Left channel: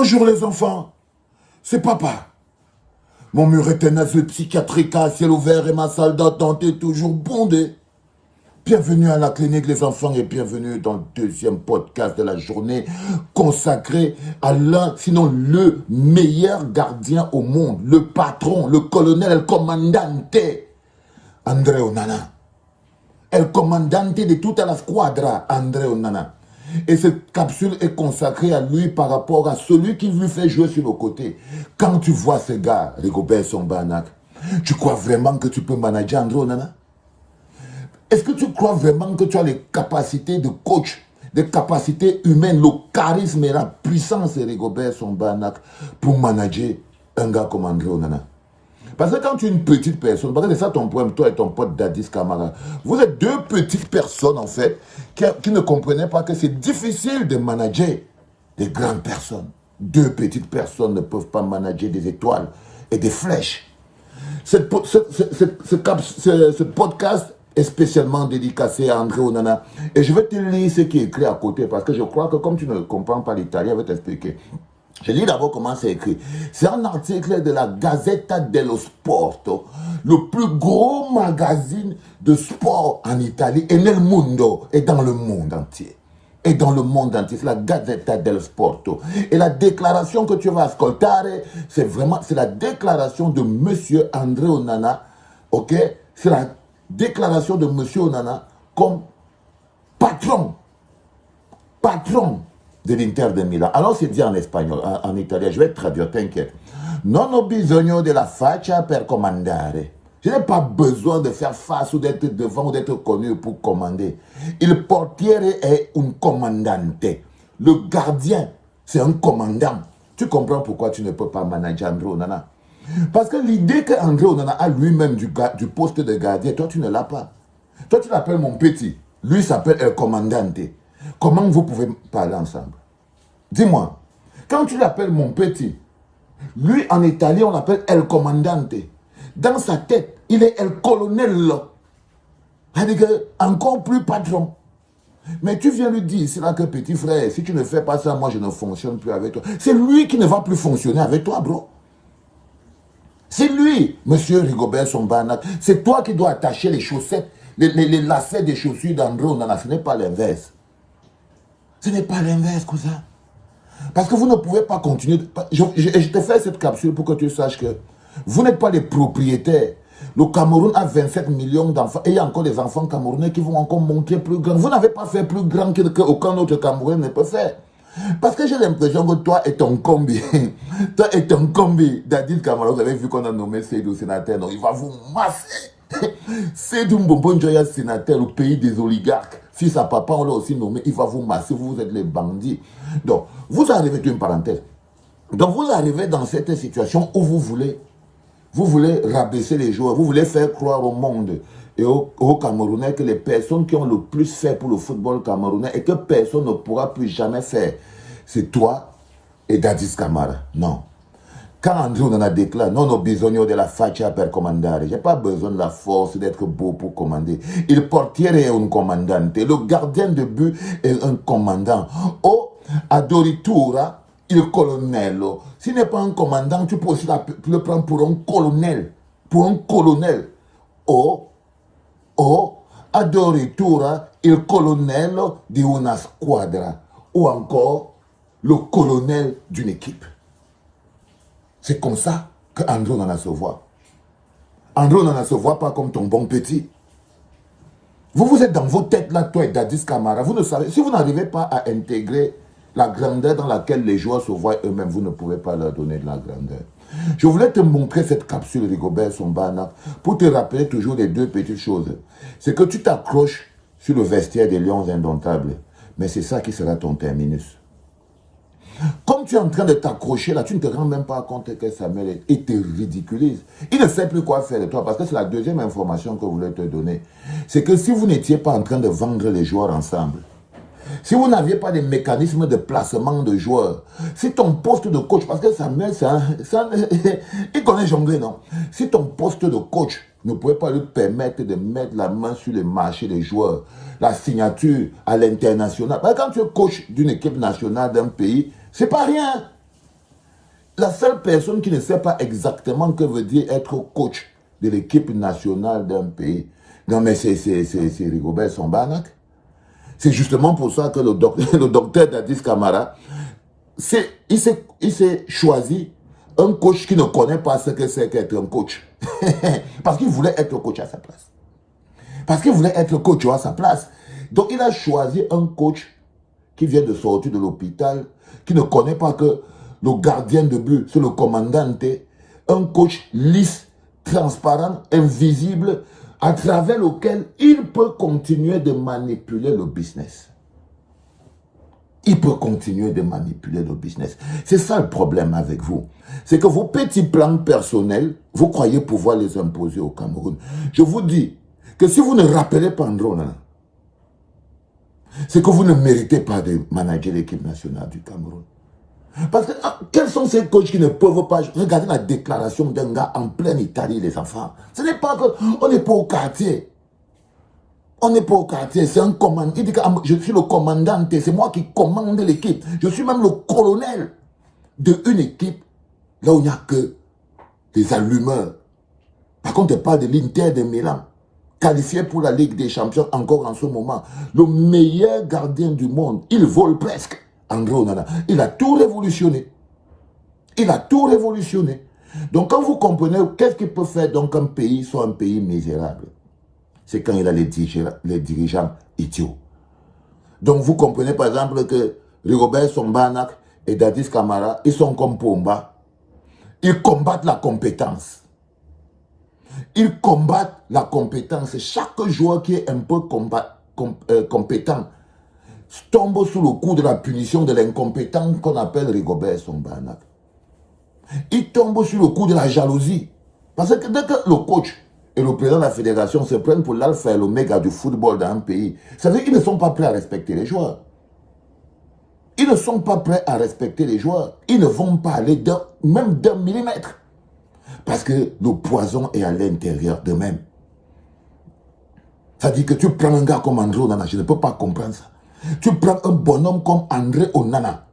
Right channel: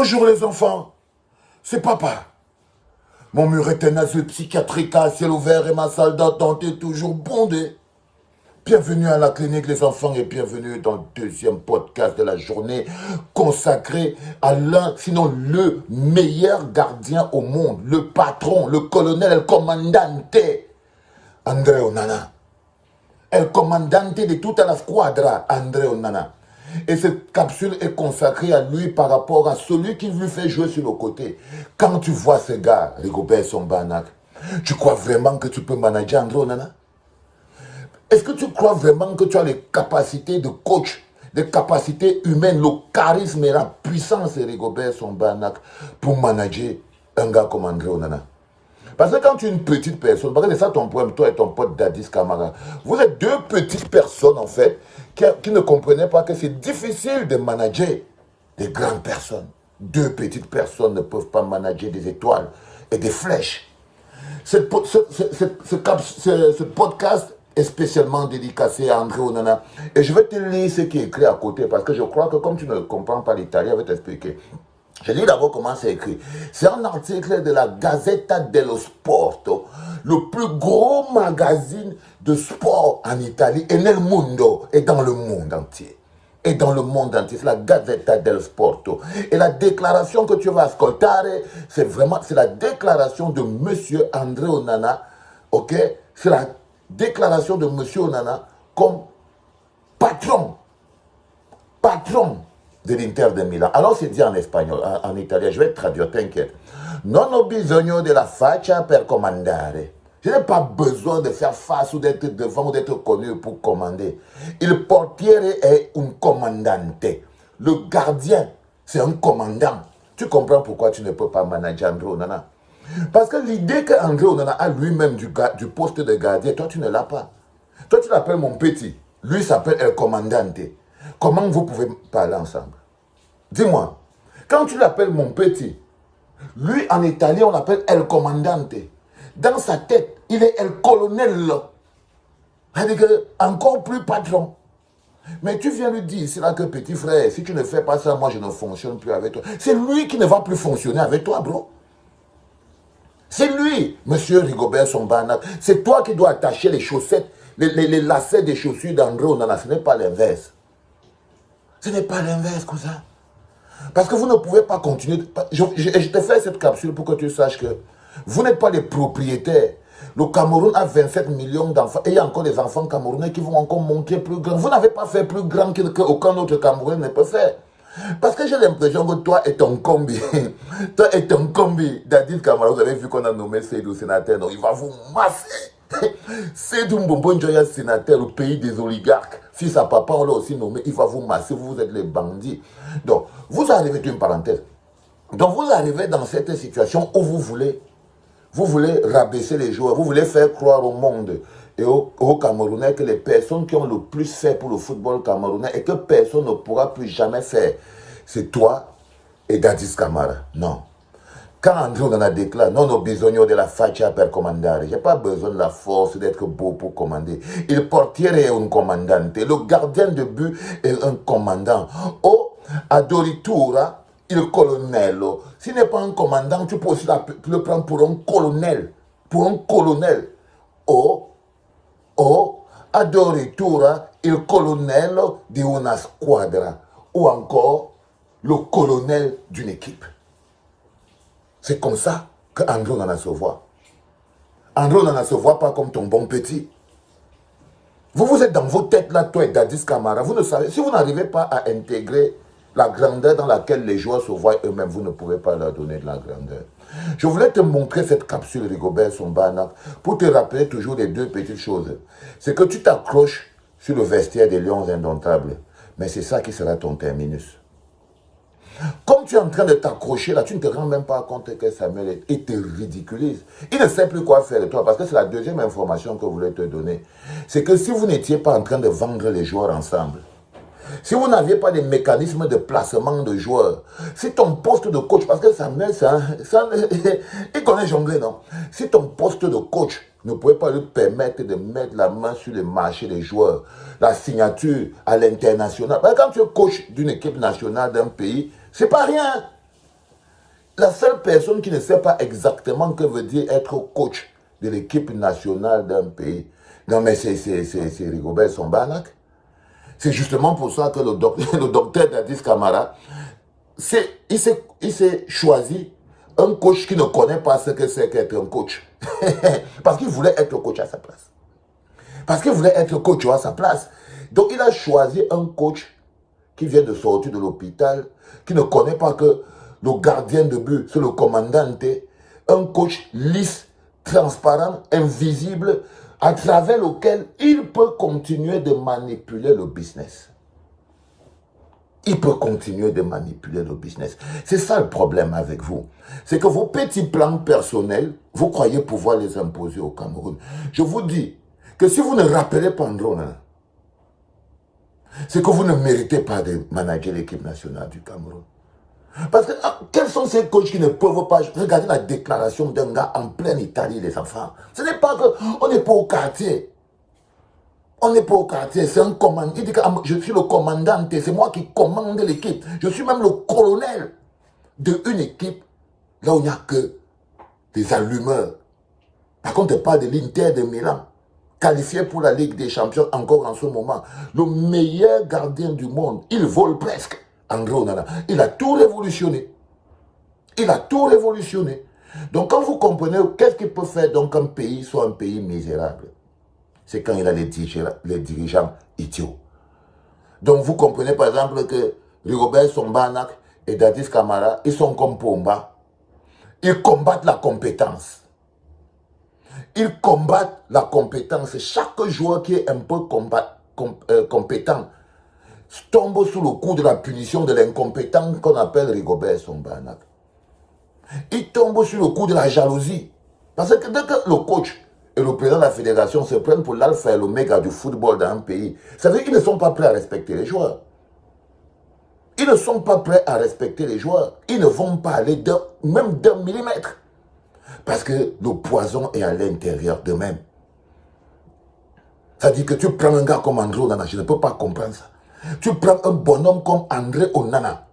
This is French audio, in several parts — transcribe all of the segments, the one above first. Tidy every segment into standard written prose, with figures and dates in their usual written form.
Bonjour les enfants, c'est papa. Mon mur est un asile psychiatrique à ciel ouvert et ma salle d'attente est toujours bondée. Bienvenue à la clinique les enfants et bienvenue dans le deuxième podcast de la journée consacré à l'un, sinon le meilleur gardien au monde, le patron, le colonel, le commandante, André Onana. El comandante de toute la squadra, André Onana. Et cette capsule est consacrée à lui par rapport à celui qui lui fait jouer sur le côté. Quand tu vois ce gars, Rigobert Song-Banak, tu crois vraiment que tu peux manager André Onana? Est-ce que tu crois vraiment que tu as les capacités de coach, les capacités humaines, le charisme et la puissance de Rigobert Song-Banak pour manager un gars comme André Onana? Parce que quand tu es une petite personne, parce que c'est ça ton problème, toi et ton pote Dadis Camara, vous êtes deux petites personnes en fait, qui ne comprenaient pas que c'est difficile de manager des grandes personnes. Deux petites personnes ne peuvent pas manager des étoiles et des flèches. Ce podcast est spécialement dédicacé à André Onana. Et je vais te lire ce qui est écrit à côté, parce que je crois que comme tu ne comprends pas l'italien, je vais t'expliquer. Je lis d'abord comment c'est écrit. C'est un article de la Gazzetta dello Sport, le plus gros magazine de sport en Italie et nel mondo, et dans le monde entier. Et dans le monde entier, c'est la Gazzetta dello Sport. Et la déclaration que tu vas ascoltare, c'est la déclaration de Monsieur André Onana, ok? C'est la déclaration de Monsieur Onana comme patron de l'Inter de Milan. Alors c'est dit en espagnol, en italien, je vais traduire, t'inquiète. Non ho bisogno della faccia per comandare. Je n'ai pas besoin de faire face ou d'être devant ou d'être connu pour commander. Il portiere est un commandante. Le gardien, c'est un commandant. Tu comprends pourquoi tu ne peux pas manager André Onana? Parce que l'idée qu'André Onana a lui-même du poste de gardien, toi tu ne l'as pas. Toi tu l'appelles mon petit. Lui s'appelle El Commandante. Comment vous pouvez parler ensemble? Dis-moi, quand tu l'appelles mon petit, lui en italien on l'appelle El Comandante. Dans sa tête, il est El Colonnello. C'est-à-dire encore plus patron. Mais tu viens lui dire, c'est là que petit frère, si tu ne fais pas ça, moi je ne fonctionne plus avec toi. C'est lui qui ne va plus fonctionner avec toi, bro. C'est lui, monsieur Rigobert Song-Banak. C'est toi qui dois attacher les chaussettes, les lacets des chaussures d'André Onana. Ce n'est pas l'inverse. Ce n'est pas l'inverse, cousin. Parce que vous ne pouvez pas continuer. Je te fais cette capsule pour que tu saches que vous n'êtes pas les propriétaires. Le Cameroun a 27 millions d'enfants. Et il y a encore des enfants camerounais qui vont encore monter plus grand. Vous n'avez pas fait plus grand qu'aucun autre Camerounais ne peut faire. Parce que j'ai l'impression que toi et ton combi, Dadis Camara, vous avez vu qu'on a nommé Seydou sénateur. Donc il va vous masser. Seydou Mbombo Njoya sénateur, le pays des oligarques. Si sa papa, on l'a aussi nommé, il va vous masser, vous êtes les bandits. Donc, vous arrivez, une parenthèse. Donc, vous arrivez dans cette situation où vous voulez rabaisser les joueurs, vous voulez faire croire au monde et aux Camerounais que les personnes qui ont le plus fait pour le football camerounais et que personne ne pourra plus jamais faire, c'est toi et Dadis Camara. Non. Quand André Onana déclare, non ho bisogno della faccia per comandare, je n'ai pas besoin de la force d'être beau pour commander. Il portiere est un commandante, le gardien de but est un commandant. O adoritura il colonnello. S'il n'est pas un commandant, tu peux aussi le prendre pour un colonel. Pour un colonel. O adoritura il colonnello di una squadra. Ou encore, le colonel d'une équipe. C'est comme ça qu'André Onana se voit. André Onana ne se voit pas comme ton bon petit. Vous êtes dans vos têtes là, toi et Dadis Camara. Vous ne savez, si vous n'arrivez pas à intégrer la grandeur dans laquelle les joueurs se voient eux-mêmes, vous ne pouvez pas leur donner de la grandeur. Je voulais te montrer cette capsule Rigobert Song-Banak pour te rappeler toujours les deux petites choses. C'est que tu t'accroches sur le vestiaire des Lions indomptables. Mais c'est ça qui sera ton terminus. Comme tu es en train de t'accrocher là, tu ne te rends même pas compte que Samuel il te ridiculise. Il ne sait plus quoi faire de toi parce que c'est la deuxième information que je voulais te donner. C'est que si vous n'étiez pas en train de vendre les joueurs ensemble, si vous n'aviez pas des mécanismes de placement de joueurs, si ton poste de coach, parce que Samuel, il connaît jongler, non? Si ton poste de coach ne pouvait pas lui permettre de mettre la main sur le marché des joueurs, la signature à l'international. Quand tu es coach d'une équipe nationale d'un pays, c'est pas rien. La seule personne qui ne sait pas exactement que veut dire être coach de l'équipe nationale d'un pays, non mais c'est Rigobert Sambanac. C'est justement pour ça que le docteur Dadis Camara, il s'est choisi un coach qui ne connaît pas ce que c'est qu'être un coach. Parce qu'il voulait être coach à sa place. Parce qu'il voulait être coach à sa place. Donc il a choisi un coach qui vient de sortir de l'hôpital, qui ne connaît pas que le gardien de but, c'est le commandant. Un coach lisse, transparent, invisible, à travers lequel il peut continuer de manipuler le business. Il peut continuer de manipuler le business. C'est ça le problème avec vous. C'est que vos petits plans personnels, vous croyez pouvoir les imposer au Cameroun. Je vous dis que si vous ne rappelez pas André Onana, c'est que vous ne méritez pas de manager l'équipe nationale du Cameroun. Parce que quels sont ces coachs qui ne peuvent pas regarder la déclaration d'un gars en pleine Italie, les enfants? Ce n'est pas que on n'est pas au quartier. On n'est pas au quartier, c'est un commandant. Il dit que je suis le commandant, c'est moi qui commande l'équipe. Je suis même le colonel d'une équipe là où il n'y a que des allumeurs. Par contre, il parle de l'Inter de Milan, qualifié pour la Ligue des Champions encore en ce moment. Le meilleur gardien du monde, il vole presque. André Onana, il a tout révolutionné. Il a tout révolutionné. Donc quand vous comprenez, qu'est-ce qu'il peut faire donc un pays soit un pays misérable? C'est quand il a les dirigeants idiots. Donc vous comprenez par exemple que Rigobert Sambanac et Dadis Camara, ils sont comme Pomba. Ils combattent la compétence. Ils combattent la compétence. Chaque joueur qui est un peu compétent tombe sous le coup de la punition de l'incompétent qu'on appelle Rigobert Sambanac. Il tombe sur le coup de la jalousie. Parce que dès que le coach et le président de la fédération se prennent pour l'alpha et l'oméga du football dans un pays, ça veut dire qu'ils ne sont pas prêts à respecter les joueurs. Ils ne sont pas prêts à respecter les joueurs. Ils ne vont pas aller même d'un millimètre. Parce que le poison est à l'intérieur d'eux-mêmes. Ça dit que tu prends un gars comme André Onana, je ne peux pas comprendre ça. Tu prends un bonhomme comme André Onana.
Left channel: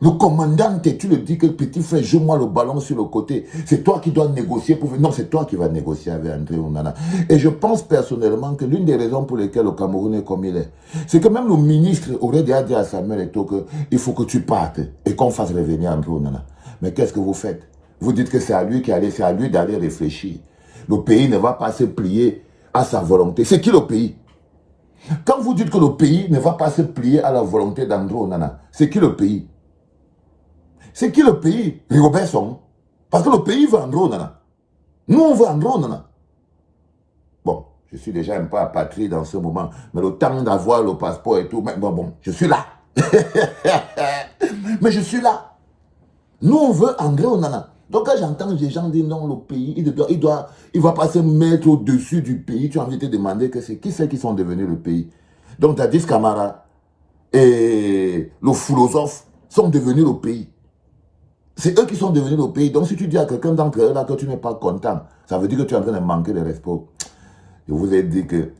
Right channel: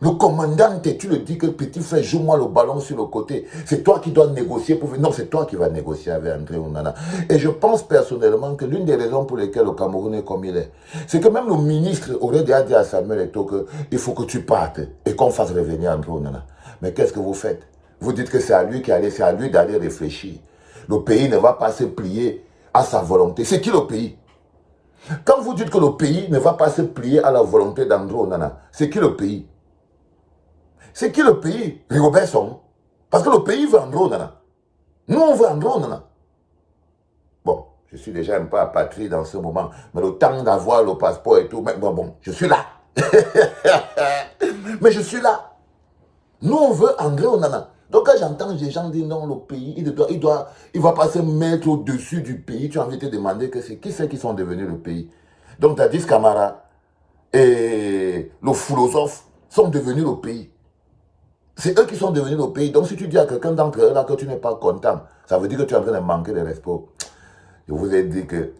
Le commandant, tu le dis que petit frère, joue-moi le ballon sur le côté. C'est toi qui dois négocier pour... Non, c'est toi qui vas négocier avec André Onana. Et je pense personnellement que l'une des raisons pour lesquelles le Cameroun est comme il est, c'est que même le ministre aurait déjà dit à Samuel Eto'o qu'il faut que tu partes et qu'on fasse revenir André Onana. Mais qu'est-ce que vous faites? Vous dites que c'est à lui d'aller réfléchir. Le pays ne va pas se plier à sa volonté. C'est qui le pays? Quand vous dites que le pays ne va pas se plier à la volonté d'André Onana, c'est qui le pays? C'est qui le pays? Rigobert Song. Parce que le pays veut André Onana. Nous, on veut André Onana. Bon, je suis déjà un peu apatride dans ce moment. Mais le temps d'avoir le passeport et tout, mais bon, je suis là. Mais je suis là. Nous, on veut André Onana. Donc, quand j'entends les gens dire non, le pays, il ne va pas se mettre au-dessus du pays, tu as envie de te demander que c'est qui c'est qui sont devenus le pays. Donc, Dadis Camara et le philosophe sont devenus le pays. C'est eux qui sont devenus le pays. Donc, si tu dis à quelqu'un d'entre eux là que tu n'es pas content, ça veut dire que tu es en train de manquer de respect. Je vous ai dit que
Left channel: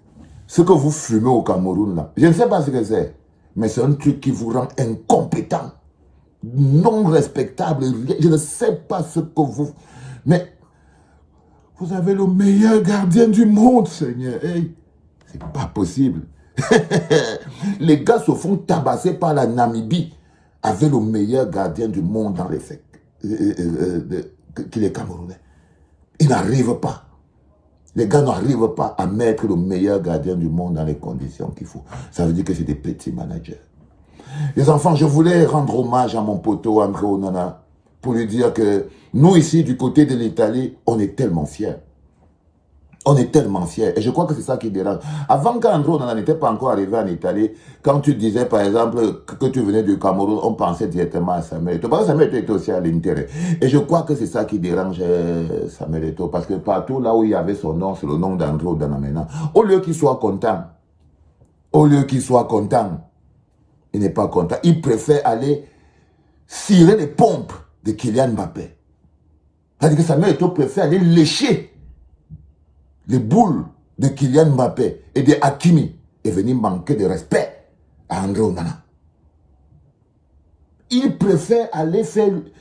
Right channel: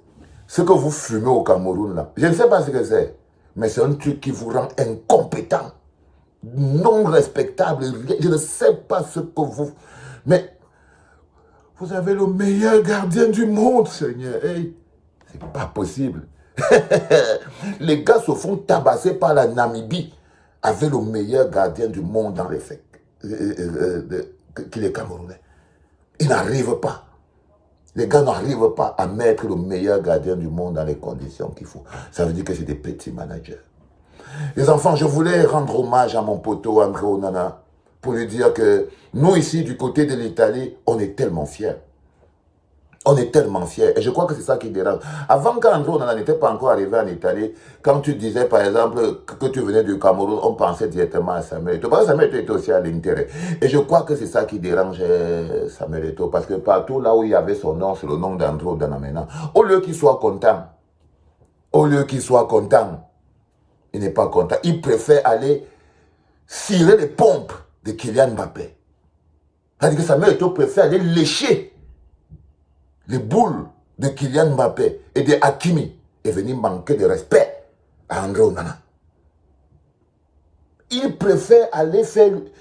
ce que vous fumez au Cameroun, là, je ne sais pas ce que c'est, mais c'est un truc qui vous rend incompétent, non respectable. Je ne sais pas ce que vous... Mais vous avez le meilleur gardien du monde, Seigneur. Hey, c'est pas possible. Les gars se font tabasser par la Namibie avec le meilleur gardien du monde dans les faits, qu'il est Camerounais. Ils n'arrivent pas. Les gars n'arrivent pas à mettre le meilleur gardien du monde dans les conditions qu'il faut. Ça veut dire que c'est des petits managers. Les enfants, je voulais rendre hommage à mon poteau André Onana pour lui dire que nous ici, du côté de l'Italie, on est tellement fiers. On est tellement fiers. Et je crois que c'est ça qui dérange. Avant, quand André Onana n'était pas encore arrivé en Italie, quand tu disais, par exemple, que tu venais du Cameroun, on pensait directement à Samuel Eto'o. Parce que Samuel Eto'o était aussi à l'intérêt. Et je crois que c'est ça qui dérange Samuel Eto'o. Parce que partout là où il y avait son nom, c'est le nom d'André Onana maintenant. Au lieu qu'il soit content, il n'est pas content. Il préfère aller cirer les pompes de Kylian Mbappé. C'est-à-dire que Samuel Eto'o préfère aller lécher les boules de Kylian Mbappé et de Hakimi et venir manquer de respect à André Onana. il préfère aller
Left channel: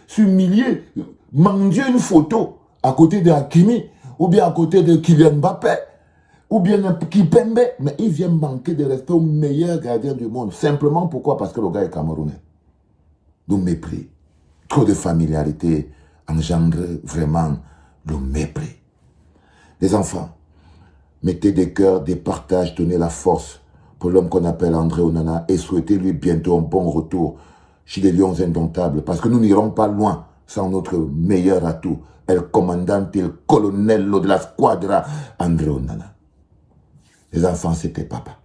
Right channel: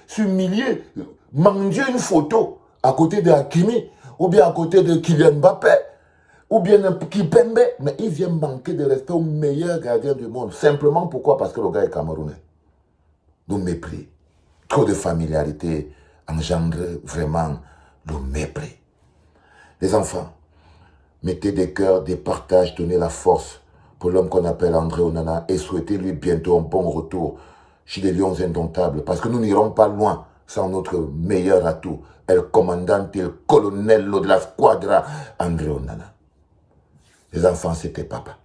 s'humilier, manger une photo à côté de Hakimi, ou bien à côté de Kylian Mbappé, ou bien Kipembe, mais il vient manquer de respect au meilleur gardien du monde. Simplement pourquoi? Parce que le gars est camerounais. Le mépris. Trop de familiarité engendre vraiment le mépris. Les enfants, mettez des cœurs, des partages, donnez la force pour l'homme qu'on appelle André Onana et souhaitez-lui bientôt un bon retour chez les Lions indomptables, parce que nous n'irons pas loin sans notre meilleur atout, el commandante, el colonnello de la squadra, André Onana. Les enfants, c'était papa.